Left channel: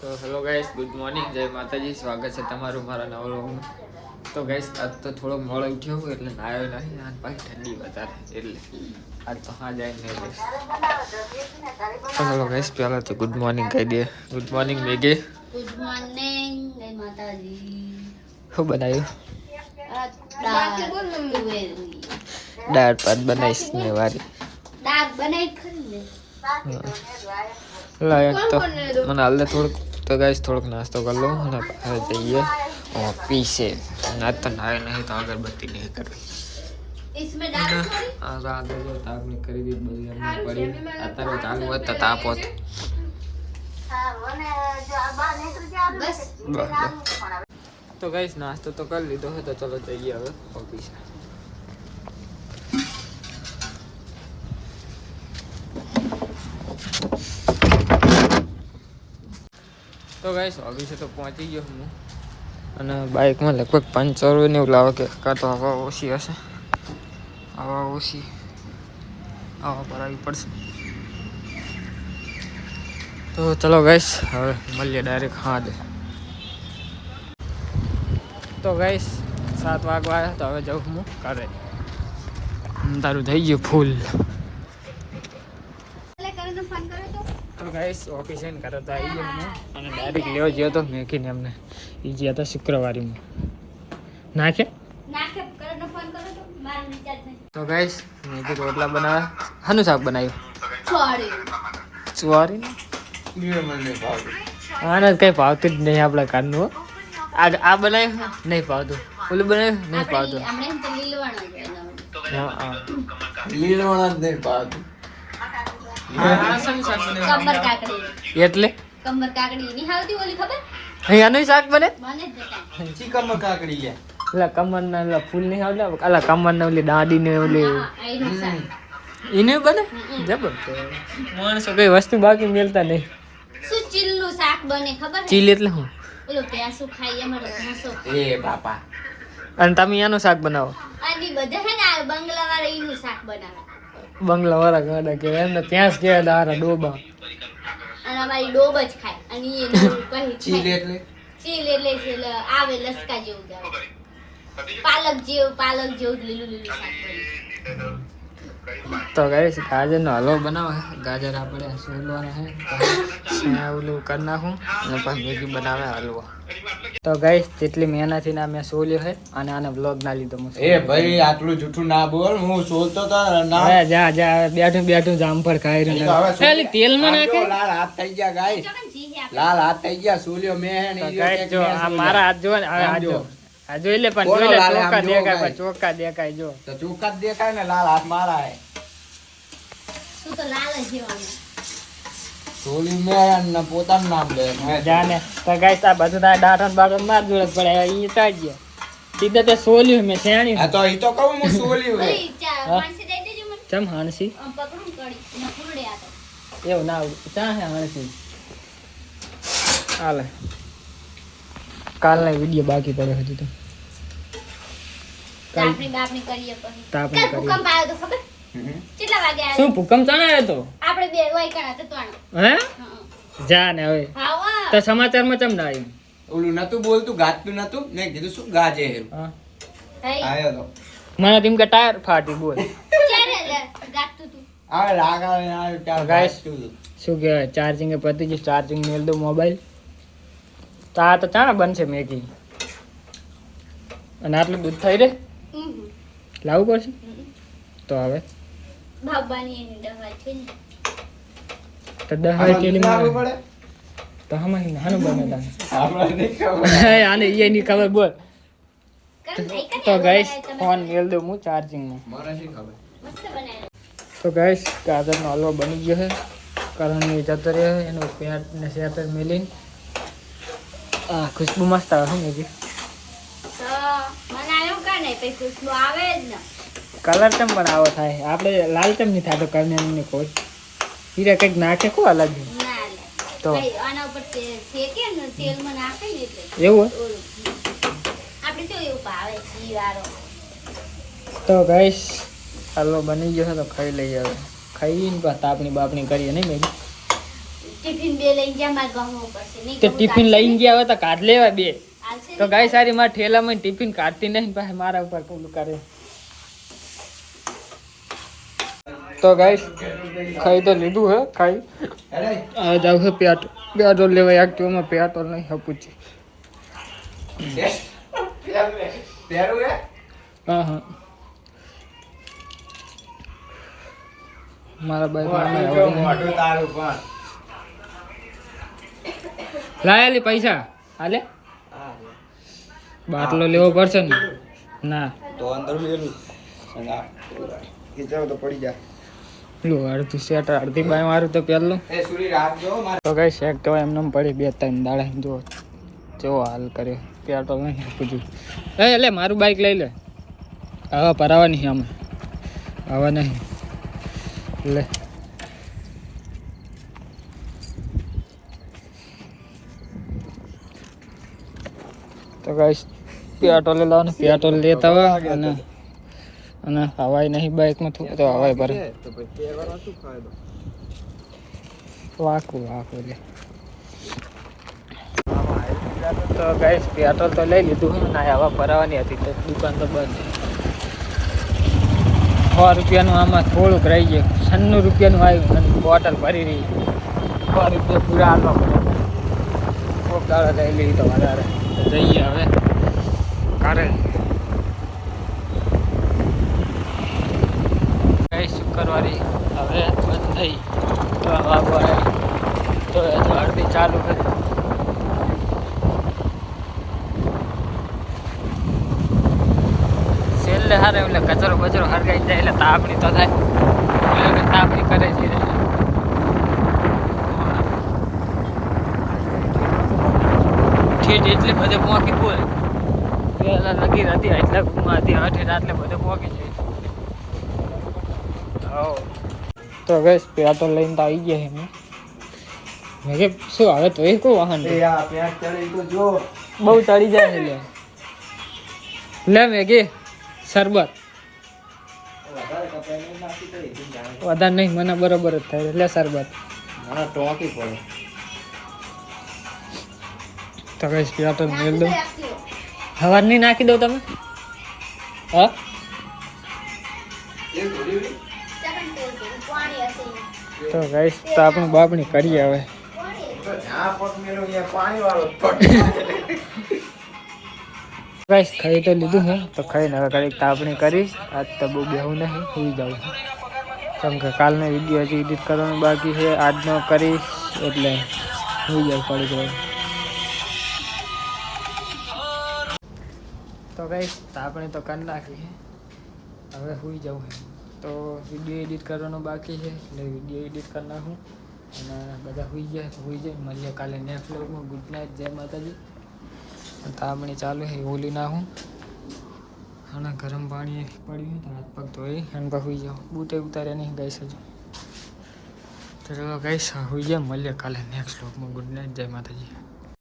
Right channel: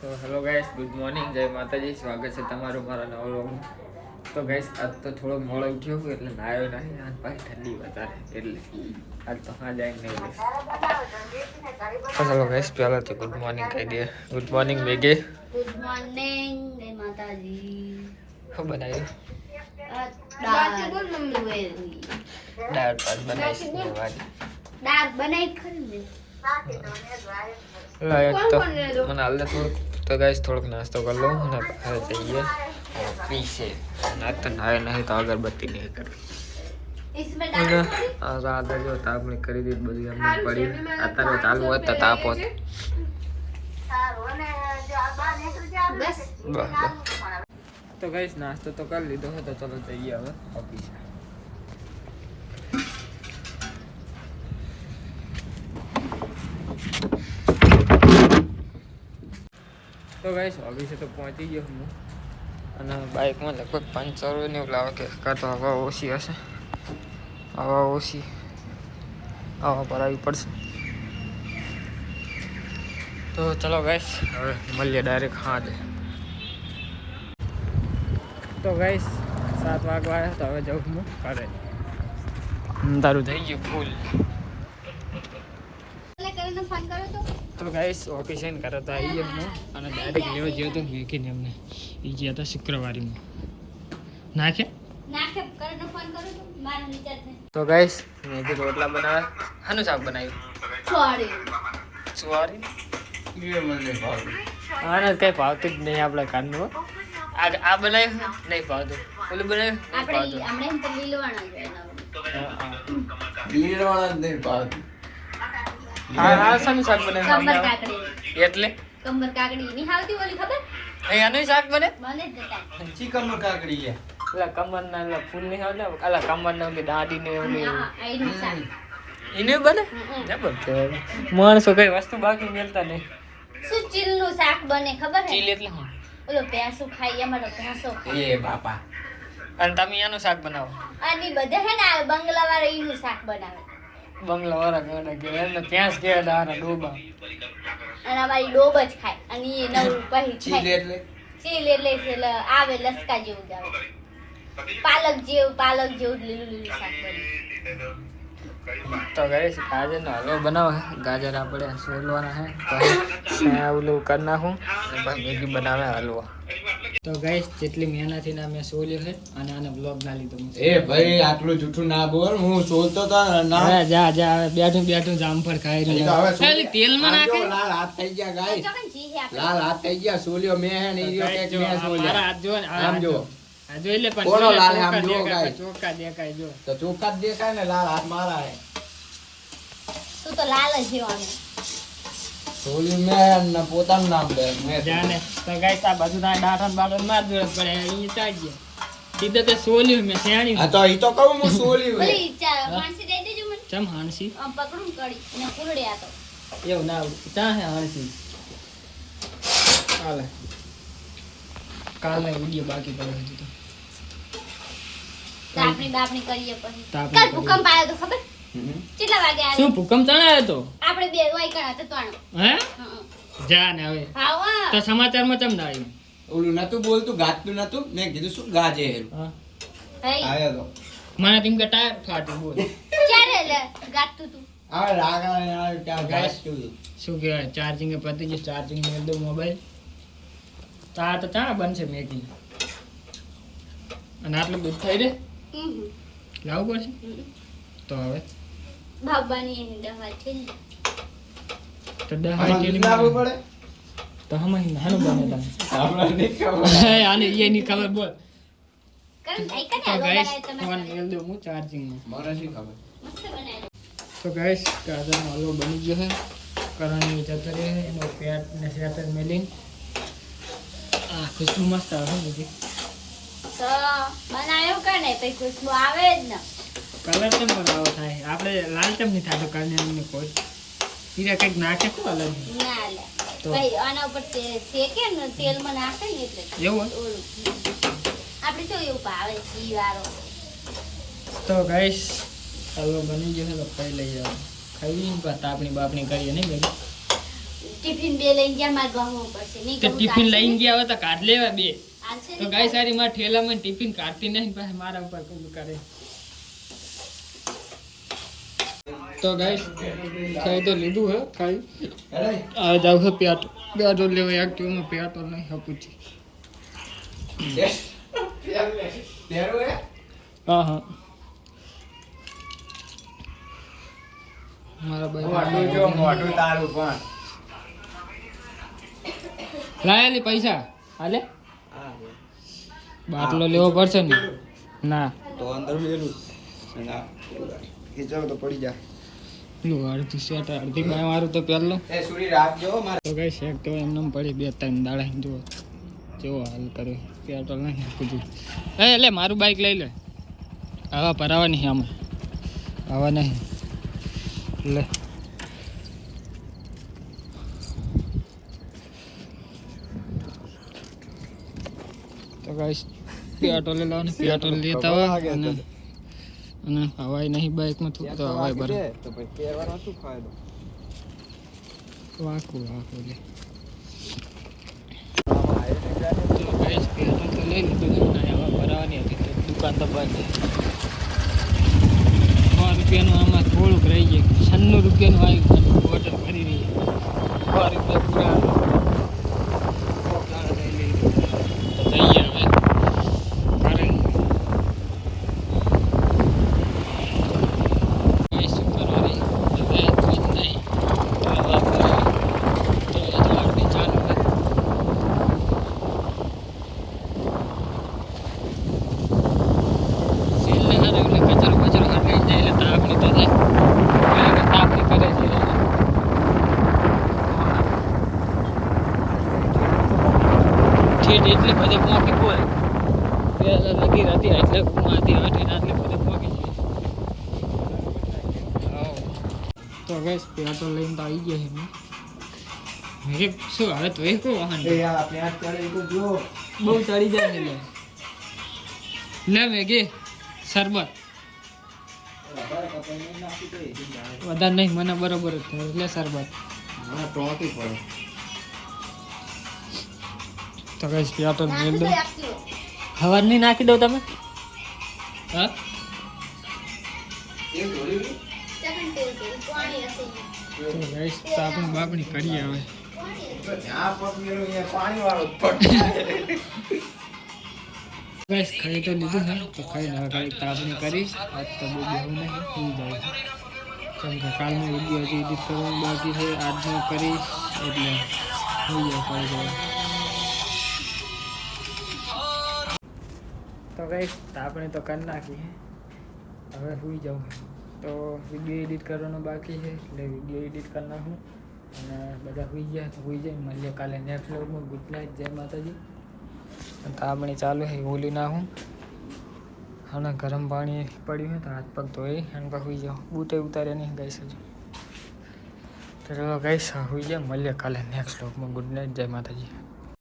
તો hello guys, good morning, જય માતાજી. સ્વાગત છે તમારું મારા નવા વ્લોગમાં. તો ગાઈસ, આજ તો થોડો મોડો ઉઠ્યો હું એટલે નાયો નહીં. આજ પાછી ઠંડી વધારે એટલે આજ તો હા જાય નહીં લઈશ. તો હેલો ગાઈસ, પહેલાં તો ગુડ મોર્નિંગ કહી દે. ગુડ મોર્નિંગ મેગે. ગુડ મોર્નિંગ, જય માતાજી. શું બનાવ્યું? દાળ ભાત બનાવીશ ને વારી. દાળ બનાવી ખરી ને. લાયક તો મને હાલ થોડુંક તો ગાઈસ થોડોક નાસ્તો કરી લઉં અને બહાર જઈએ પીસે. આજ તો નાય નહીં તો અગરબત્તી નહીં કરવી. આગળ જો તાપણી કરી દીધી બધી એમને પડી. અત્યારે ચાલુ હોત તો તાપ હોત. બસ તો ગાઈસ નાસ્તો તો કરી લીધો હોય તો ચલો જઈએ હવે ઓફિસે. તો ગાઈસ ઓફિસે તો પહોંચી ગયો હું અને બાઇકમાં લગભગ પંચર ને એવું લાવે કે કાં તો હવા ઓછી હશે. હવા ઓછી હવા પર આવી પડશે. તો ચલો ગાઈસ હવે મળીએ ડાયરેક્ટ હાજે. તો ગાઈસ 7 વાગવા આવ્યા તો હવે જાઉં હું ઘરે. અંધારું થઈ ગયું ફૂલ. તો ગાઈસ ઓફિસે કરે તો આવી ગયો હું અને ડાયરેક્ટ લેવા ગયો તો મેકીને એમને એ ગયા હતા શુક્રવારીમાં નાખે. તો ગાઈસ મેગી રોટલા બનાવ્યા. હાનું શાક બનાવ્યું? ચોરી. આને કઈ ભાવતું જ નહીં આપણા કાનનું. આ બનાવ્યું નહીં ભાવતું, ઓલું બનાવ્યું નહીં ભાવતું. આ શાનું શાક બનાવ્યું? કંબર કાકડી. એટલે કંબર કાકડી ની આવતી ઓલી ખબર? આનું શાક બને? મને જ બતા. ચી કમર કાકડી છે. પેલા કમરના પેલા ફૂલ નહીં આવડે, અલા કમરના ઓલી દાડી ને ઓલી આઈનું શાક. એને બને જબર. માણસો કઈ વસ્તુ બાકી મેલતા નહીં. શું ચીલનું શાક બને ખબર હે? ચીલ એટલે શું? ઓલો ભેંસું ખાઈ અમારો ભેંસો ખાય. એ બાપા. અને તમે એનું શાક બનાવો? અને બધા હે ને આ બંગલા વાળા ઈનું શાક બનાવે. બંગલા વાળા ગાડા કે એમને ત્યાં જ કહેવાય દારા ડોબા. અને અમારી ડોબ જ ખાય અને એ નવું કહી ચીલ ખાય. એટલે ચીલ એટલે આવે લસકા જેવું જ આવે. પાલક જેવું લીલું શાક બને. તો ગાઈસ ગાજરનો હલવો બનાવો. ગાજર આપણે સોલવાના છે, પછી ઓલું કરી નાખું અને પછી મેગી બનાવે હલવો. તો ગાઈસ જેટલી મહેનતથી ના મેં સોલ્યો છે અને આને બ્લોગ ના લીધો. એ ભાઈ આટલું જૂઠું ના બોલ. હું સોલતો તો ના. હવે જા બેઠું જામફળ ખાઈ રહ્યું. પેલી તેલમાં નાખે. લાલ હાથ થઈ ગયા ગાઈસ. ચોકન જી હે આપણે. લાલ હાથ થઈ ગયા. સોલ્યો મેં હે ને તો ઈયો ગાઈસ એક જો મેં આ સોલ્યો. મારા હાથ જો ને આ આમ જો. આ જોઈ લે પણ બોલો જોઈ લે લાલે, આમ ચોખ્ખા જુઓ દેખાય ગાઈસ. ચોખ્ખા દેખાય જો. તો ચોખ્ખા જ દેખાય ને. લાલ હાથ મારા હે. તું તો લાલ જ જેવાનું. સોલ્યું મેં ને પોતાનું નામ લે. મેં જાને તો ગાઈસ આ બધું તારે દાંત બાટો માર જોડે પડે અહીં તાજ ગયા. સીધા તે સોલ્યું મેં શેણી. હા તો ઈ તો કહું હું સોલ્યું હે. ભાઈ માણસી દઈ દેજો મને. ચમ હાણસી આમ પકડું કડી અને ફૂલડે આ તો. એવું ના ક્યાં હે હાણસી? હાલે કાલના વિડીયો બાકી પડે હજી તો. બાપણી કરીએ પછી. તાપણી કાલ કરીએ. ભૂકંપ આવ્યો તો ખબર? હમ. કેટલા વાગે આવ્યો? શું ભૂકંપ ચણાયો તો? આપણે બે વાય કણા તો ત્રણ. હે હં. જા ને હવે હા તો સમાચારમાં ચમ ના આવ્યું? ઓલું નતું બોલતું, ગાતું નતું. મેં કીધું શું ગાજે હે. હા હઈ આયો તો. મને તેમ કે ટાયર ફાટી બોલ. ક્યારે ગાતું તું? આ લાગા ને આ ત્યાં ગાઈસ. ગાતું. શું કહેવાય ચાર્જિંગ એ પતી ગયું. ચાર્જિંગ મેળ દઉં મોબાઈલ તો આ તો ચાણા બનશે મેગી. અને આટલું દૂધ થઈ રે લાવવું પડશે તો હવે બાબાની એની દવા છે ને. તો 10 આમાં ટેલી લાવવું પડે. તો હમણાં નાનું બને તાને. આપણે નહીં ખબર. આને એની ખબર બોલ. કઈ નહીં કરે. તો ગાઈસ ફોન મેળ દઉં હું ચાર્જિંગમાં. મને શી ખબર. મસ્ત બનાવ્યો. તો ગાઈસ ગાજરનો હલવો બની ગયો છે. કરણની જતો રહ્યો એનો પેટ ને સેટર મેલીને. આ ખુશ્બુ મસ્ત આવે છે મેગી. તો બનાવ્યો કે નહીં પછી ખુશ્બુ આવે જ ને. કલર ચમ પણ આવો થાય. આપણે લાલ ચમ નહીં થતો કરણની કોઈ હીરા કંઈક નાખે કો અલગ ના લે. તો કઈ આના ઉપર શેકે ને તેલમાં નાખે ને એટલે એવું ઓલું. આપણે તો એવું ભાવે ઘી વાળો. તો ગાઈસ હલવો બની ગયો છે તો ખાઈ લઈએ હવે. ખાઈને પછી તાપણી બાપણી કરીએ નહીં મેગી. ટિફિન બે લઈને ગયા મારે ગમવું પડશે નહીં તે ગમું ટિફિન તો લઈને ગયા હોય તો કાઢ લેવા બે હાલશે તો નહીં. ગાય સારી મારા ઠેલામાં ટિફિન કાઢતી નહીં પાસે મારા ઉપર પેલું કરે તો ગાઈસ ખાઈ તો લીધું હે ખાઈ આ જાવ છે પેટ્રોલ લેવા એક્ટિવામાં પેટ્રોલ નહીં હપુચી હા હા મારા બાઈક લાયેલી પૈસા હાલે બાટલો લેવો પડશે ને ના તો અંદર મેલું ખીચાવ તો પડી જાય. લો અડધી શેટ અડધી બાય મારું તો પહેલું એ સુરી રાખજો મારે. તો કઈ શેક તો એમને પડી 2-3 દાડા જો જેવો હાલ કર્યો પેટ્રોલ નહીં કીધું એટલે મારું બાઈક લઈ લે હવે પરાવા નહીં આમાં હવે નહીં લે તો ગાઈસ પેટ્રોલ લાવવાનું પેટ્રોલ લેતા હોય અને હવાઈ નહીં બાઈકમાં થોડું તો હવાઈ ભરે તો પછી પહેરવાનો શું ફાયદો? વાકું લે તો ગાઈસ પેટ્રોલ તો લઈ લીધું છે ના હવા ભરાવાની હતી તો દુકાન તો બંધ 100 રૂપિયાનું આમાં થોડુંક રહી ગયું 96 રૂપિયાનું આવ્યું અને બોટલ ભરી રહી 100 રૂપિયા પૂરા હાલવા પડે ખૂબ દાડા લઈ લીધી તો વધારે જઈએ હવે કારે કઈ શુક્રવારી હવે બંધ થઈ 3 વાગવા તો હજુ અડધી ચાલુ છે છેલ્લે હારે એટલે કચરો હરગાઈ જાય એટલે તાપણી તો થાય એટલે તાપણી કરે છે ઠેઠ એટલે બધે પહોંચી બોલ પેલા લગી હતી એટલે ગુમાતી હઠે એટલે બધે પહોંચી જાય તો ગઈશ પેટ્રોલ લઈને તો આવી ગયા છે મેં કે શું હવે તો એ કોઈ વાહન એ આ પેટ ચડે તો જો. બહુ ચડી જાય છે લે મેગી શરબત વધારે નહીં મને બરોબર જ થાય એટલે શરબત ના ટોકી પડે. તો કઈ પેટ્રોલ મેળ દો હવાર નહીં નાખી દો તમે હા ચાકણ તેવું પાણી હશે તો ગાઈસ તો આપણે બાપણી કરીએ હવે તો જ્યાં પગ મેળો ત્યાં પાણી વાળો જ પડ. ગાઈસ ખાઈ તો લીધું છે તો ખાઈને હવે ઘડીક તાપણી કરી આજ તો બહુ બેહું નહીં સુઈ જાઉં કેમ કે કાલનો વિડીયો હજી એડિટ કરવાનું બાકી છે આજનો કરીશ એટલે સુઈ જાઉં પડી જાય તો ગાઈસ તાપણી તો કરી નાખી છે હવે સુઈ જાઉં તો વિડીયો એડિટ કરવાનું બાકી છે એટલે વિડીયો એડિટ કરી નાખું અને બધા સુઈ જાય મળીએ કાલે નેક્સ્ટ વ્લોગમાં ગુડ નાઇટ જય માતાજી તાપણી ચાલુ છે ઓલી નાખું અને ગરમ પાણી પડ્યું છે તો હાથ પગ ધોઈ અને તો સુઈ જાઉં બૂતે ઉતાર્યા નહીં ગાઈશ હજુ તો ચલો ગાઈશ સુઈ જાય મળીએ કાલે નેક્સ્ટ વ્લોગમાં ગુડ નાઇટ જય માતાજી